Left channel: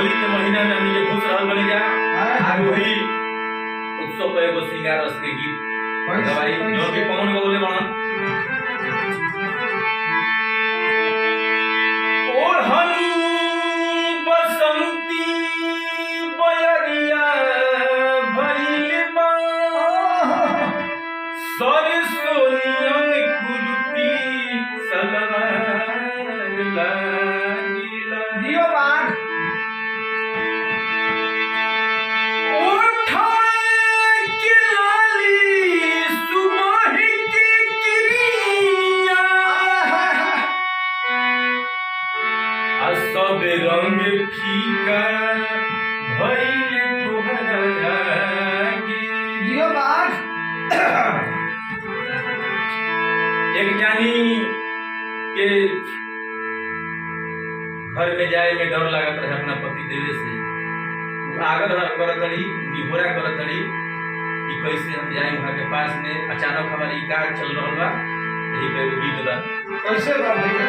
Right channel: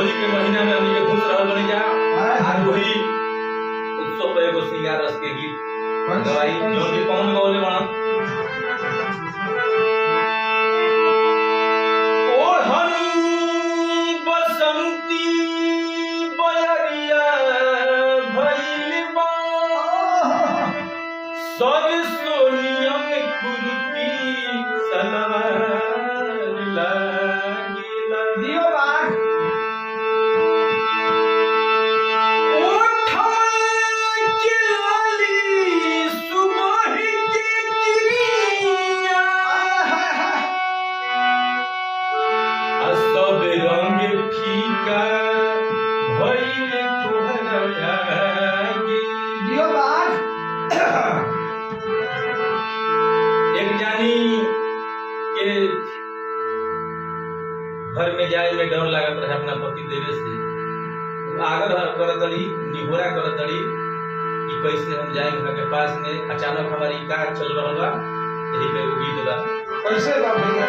होली के महीना में हमनी के खुश रहल बने जा आज वही उत्सव पे एगो श्रृंगार रस के गीत गवाई जो कि कौन गौले बना ओढ़नी बसंती बयरिया भइल बा सरसोनियन कुर्ती सलवार लागिला दियो बाग सब रंग फीका भइल तोहरा आगे दियो बाग एक जानी के घर में जाए में डर लागत रहे अपना पति देवे से आगर करतड़ी निहोरा करतड़ी कि कैसे हम जाए वहां के पास में अचानक हमारी का चल रहल बा यही पे गीत बा कैसे बा भैया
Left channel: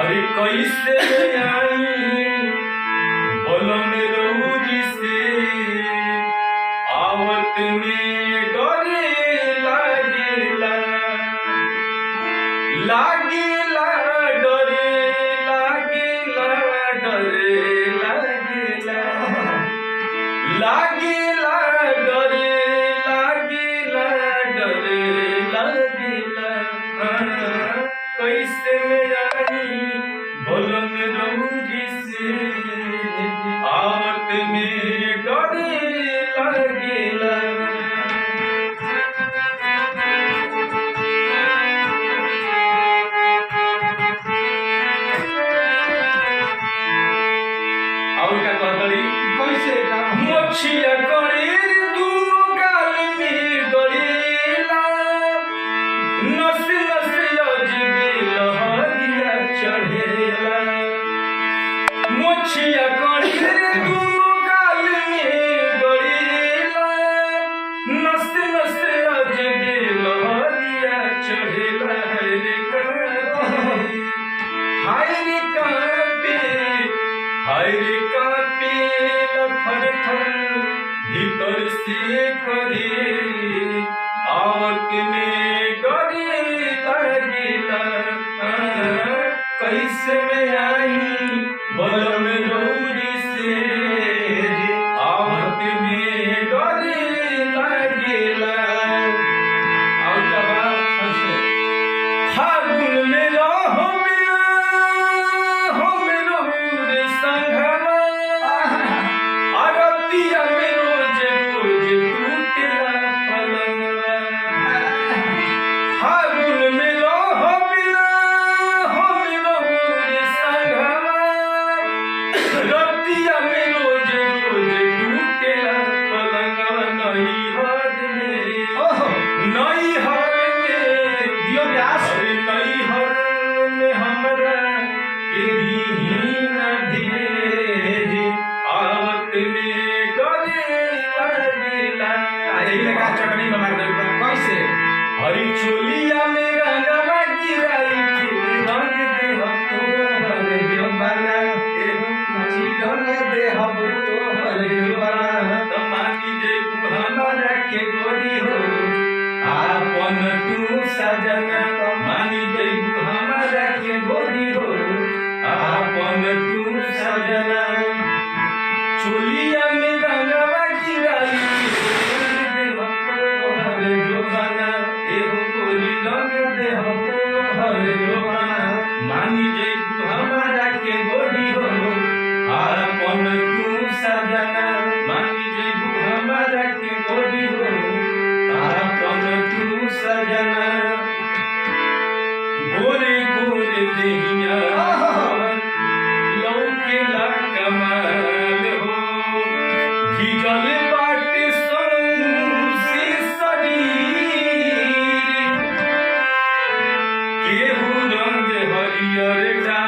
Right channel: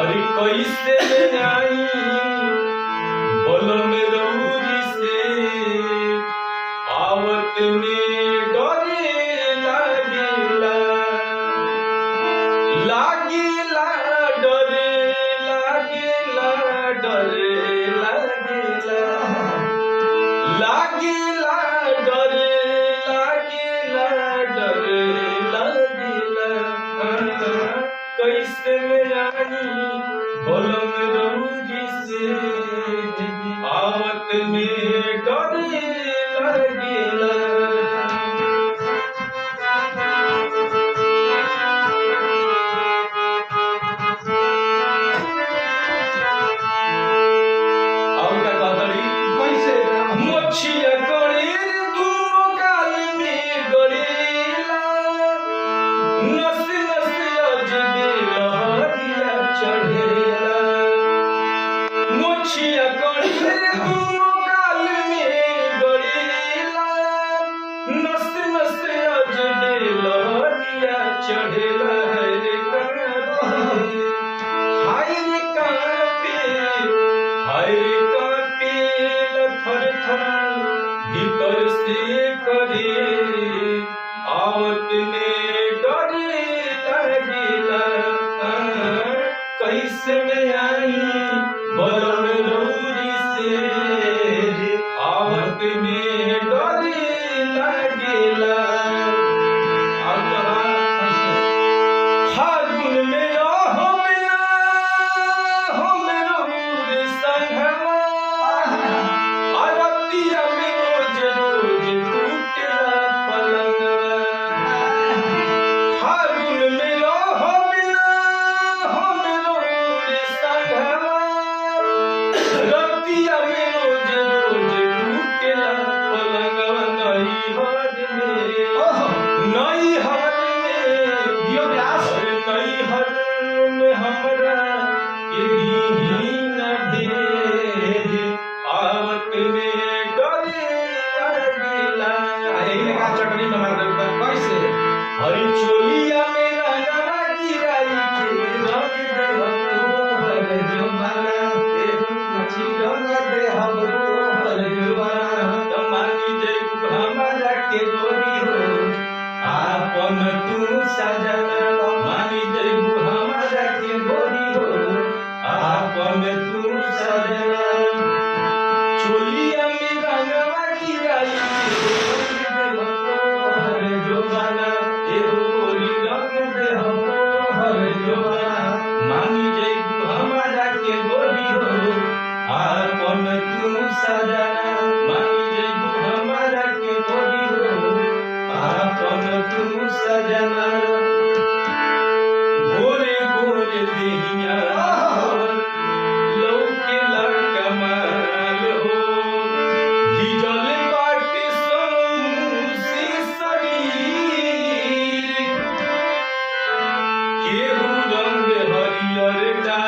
अरे कैसे आई बोलो में दौरी से आवत में डरे लागेला लागेला डरे लागेला डरे लागेला लागेला डरे लागेला डरे लागेला कैसे में आई बोलो में दौरी से आवत में डरे लागेला और क्या कहतड़ी कैसे का मोछिया गणेर दूनो गाल में गड़ेला नस नस अजबे लहरिया चढ़ेला मोछिया गणेर दूनो गाल में गड़ेला नस नस अजबे लहरिया चढ़ेला हाय रे कांपे लफर थर भीतर से करे आवत में डरे लागेला कैसे में आई बलम रौरी से आवत में डरे लागेला और कहा फागुन में रहो बिना हो मेरो रे संघवा आरतिया में रोज रोज टूटेला पलंगवा फागुन में रहो बिना हो मेरो रे संघवा रतिया में रोज रोज टूटेला पलंगवा नहीं हद में नहीं हद में दियो व्यास नहीं हद में हमरा के दीन भेज आवत में डरे लागेला यही में का चटनी में मार दे कैसे हरी चोलिया में रंगवा गिराई के रंग दे हम तोहर जवाना मछली डोल दे हम तोहर जवाना त मानी जई हमारा के गोरी हो आपन तू सजना मानी जई हमारा के गोरी हो आपन तू सजना चोलिया में रंगवा गिराई के रंग दे हम तोहर जवाना एहो गोरी रंग दे हम तोहर जवाना मानी जई हमारा के गोरी हो आपन तू सजना मानी जई हमारा के गोरी हो आपन तू सजना गोरे गोरे देहिया लौकेला कमाल हो भिजल बाटे सौंसे शरीर केहू रंग हरियर डाल